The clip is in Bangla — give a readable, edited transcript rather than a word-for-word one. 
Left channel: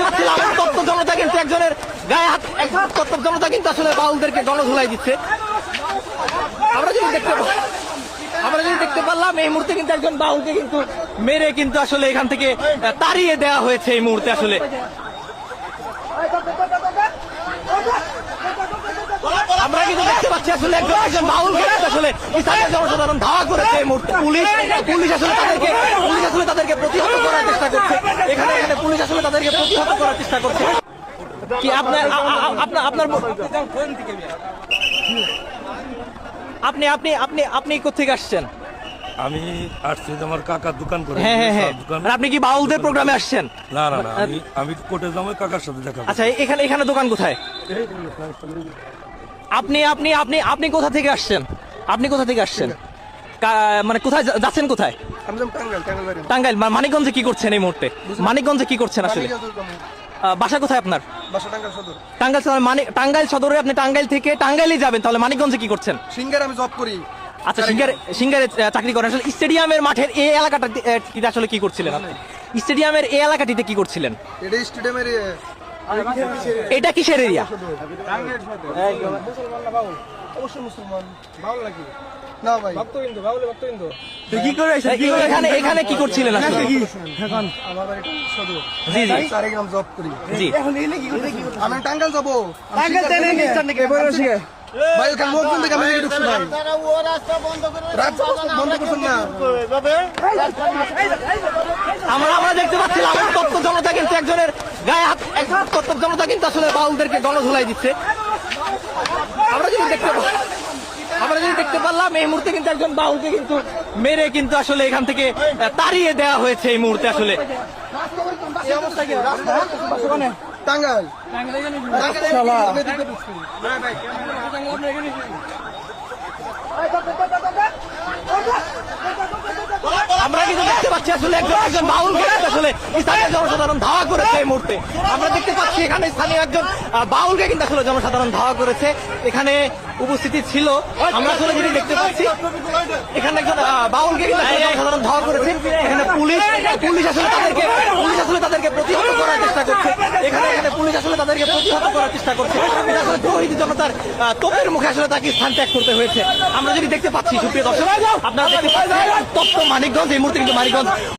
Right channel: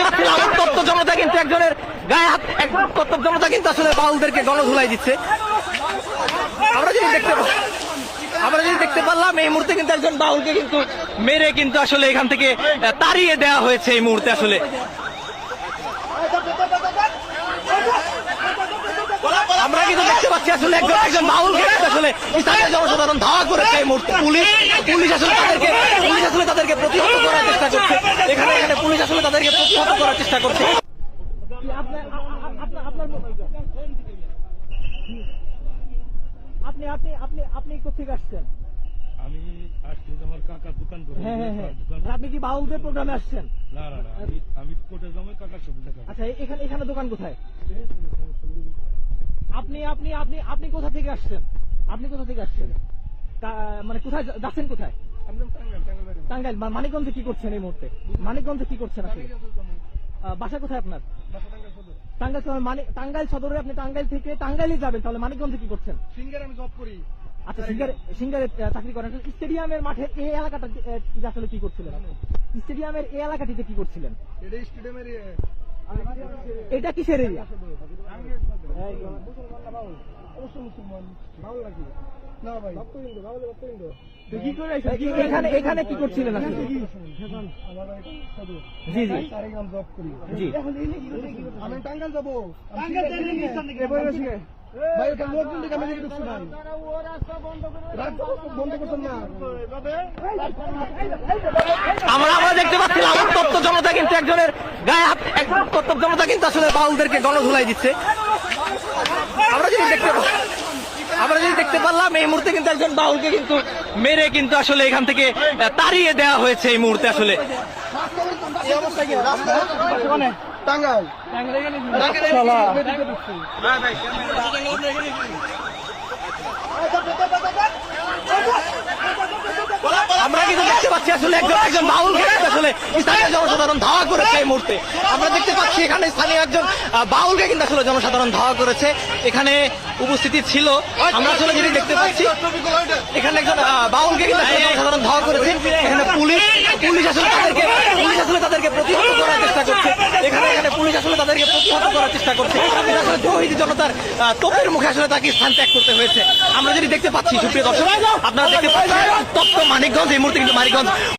দেখতে পাচ্ছিলাম তত্ত্ব জনতা কিন্তু একজনের গায়ে হাত তত্ত্ব জনতা কিন্তু আসলে বাউলদেরকে গণধুলাই দিচ্ছে। আমরা যদি দেখতে পারলাম এই মুহূর্তে কিন্তু একজন বাউলকে কিন্তু মেরে কিন্তু আসলে এখান থেকে তাড়িয়ে দেওয়া হয়েছে এই মুহূর্তে। আসলে আমরা কিন্তু দেখতে পাচ্ছি আসলে একজন বাউলকে আসলে স্থানীয় জনসাধারণ ধাওয়া করেছে এই মুহূর্তে। পুলিশ আসলে তাদেরকে প্রতিহত করার চেষ্টা করছে। এখানে পুলিশ আসলে তাদেরকে প্রতিহত করার চেষ্টা করছে। কি আপনার আপনি কোথেকে আসছেন? আমি আসছি আমার কাকার দোকান করে। হ্যাঁ। আপনি কি বাউলদের প্রোগ্রামে আসছেন? না, আমি কোর্টে যাবো কাকার সাথে দেখা। আচ্ছা, এখানে দোকান কোথায়? আপনি কোথা থেকে আসছেন? মানে কোথায় যাচ্ছেন? কোথায়? টাঙ্গাইল। মানিকগঞ্জে কি করছেন এই মুহূর্তে? মানিকগঞ্জে কি করছেন আসলে? বাসা কোথায় আপনার? টাঙ্গাইল সদর। টাঙ্গাইল সদরে আপনি টাঙ্গাইল থেকে টাঙ্গাইলে যাবেন, তাহলে মানিকগঞ্জে কি করছেন? সিঙ্গারে আমি জব করি। আচ্ছা, সিঙ্গারে চাকরি করেন। আসলে স্টেডিয়ামের মাঠের এই এলাকাটাতে আসলে কি করছিলেন আপনি? স্টেডিয়ামের এই এলাকাটিতে কি করছিলেন? এটা স্টেডিয়ামের এটা কিসের এরিয়া? অবশ্যই মুসলমান। বাউল নাকি? না ভাই, ভক্তবিন্দু, বাউলে ভক্তবিন্দু। কি করে এখানে কি করছিলেন আসলে? আমার বাড়ি সদর। জি। সারেগাম জব করি। জি। আমি টাঙ্গাইল যাবো। ভাই ওখানে লোকজন দেখে আমি ঢুকছি ভাই। রাস্তা বন্ধ করছেন না। আমরা দেখতে পাচ্ছিলাম তত্ত্ব জনতা কিন্তু একজনের গায়ে হাত তত্ত্ব জনতা কিন্তু আসলে বাউলদেরকে গণধুলাই দিচ্ছে। আমরা যদি দেখতে পারলাম এই মুহূর্তে কিন্তু একজন বাউলকে কিন্তু মেরে কিন্তু আসলে এখান থেকে তাড়িয়ে দেওয়া হয়েছে এই মুহূর্তে। আসলে টাঙ্গাইল আমরা কিন্তু দেখতে পাচ্ছি আসলে একজন বাউলকে আসলে স্থানীয় জনসাধারণ ধাওয়া করেছে এই মুহূর্তে। আমরা দেখতে পাচ্ছি এখানে স্থানীয় একজন বাউলকে কিন্তু আসলে জনসাধারণ ধাওয়া করেছে। এখানে উপস্থিতি ছিল, আমরা আসলে যেটি দেখতে পাচ্ছি এখানে একজন বাউলকে কিন্তু আসলে জনসাধারণ ধাওয়া করেছে। এখানে পুলিশ আসলে তাদেরকে প্রতিহত করার চেষ্টা করছে। এখানে পুলিশ আসলে তাদেরকে প্রতিহত করার চেষ্টা করছে। এটা আসলে তৌহিদি জনতার তোপের মুখে আসলে তাকে স্থান ত্যাগ করতে হয়েছে। আমরা যেটি দেখতে পাচ্ছি, সুপ্রিয় দর্শক, আপনারা দেখতে পাচ্ছেন তপ্ত মানিকগঞ্জ। এই মুহূর্তে কিন্তু মানিকগঞ্জ